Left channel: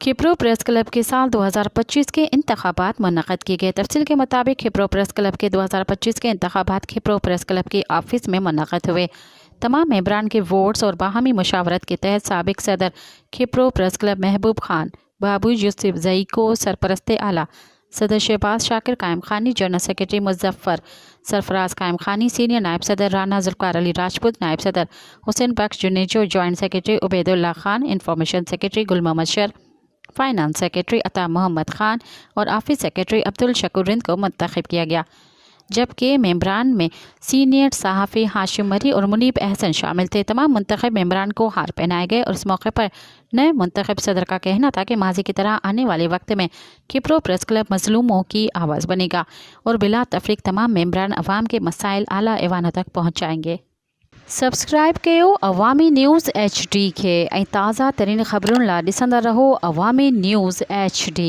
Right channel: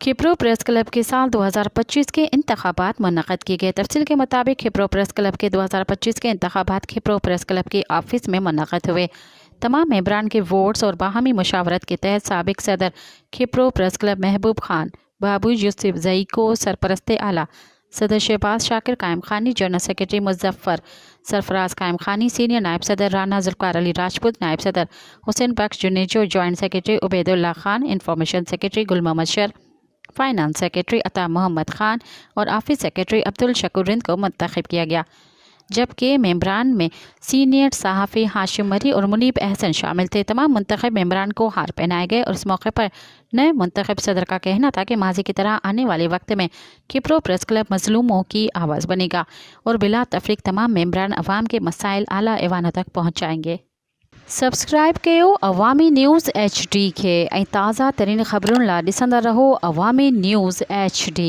खिप्रो press club के साल 2025 के इंतखाबात मुनक़द किए गए। तफसील के मुताबिक खिप्रो प्रेस क्लब के 2025 के इंतखाबात खिप्रो प्रेस क्लब के ऑफिस में मुनक़द हुए। तमाम मेंबरान के वोट्स और बाहमी मुशावरत के तहत साबिक सदर खिप्रो प्रेस क्लब महबूब खान, बाबू यूसुफ जई को सरपरस्त आला, सदर शहबाज शाकिर कायम खानी, जनरल सेक्रेटरी मुजफ्फर सरफराज कायम खानी, सीनियर नायब सदर राना जुल्फ़िकार अली राजपूत, नायब सदर Hussain Bakhsh Junejo, joint secretary Ubaidullah Khan, information secretary Gul Mohammad Shar, finance secretary Ata Mohammad Khan और ऑफिस सेक्रेटरी अब्दुल शकूर रिंद को मुंतखब किया गया, जबकि मेंबरान में सीनियर सहाफ़ी हाशिम मरी और मुनीब अहसन शामिल थे। तमाम मुंतखब मेंबरान को हार पहनाए गए और इस मौके पर नए मुंतखब सदर का कहना था कि माजी की तरह आने वाले वक्त में खिप्रो प्रेस क्लब मजलूमों की आवाज़ बनेगा और बिला तफरीक तमाम मेंबरान अवाम के मसाइल आला ऐवानों तक पहुँचाएंगे। सब्सक्राइब कयो अवामी न्यूज़ HD खे ऐं ताज़ा तरीन ख़बरुनि लाइ ॾिसंदा रहो अवामी न्यूज़ HD।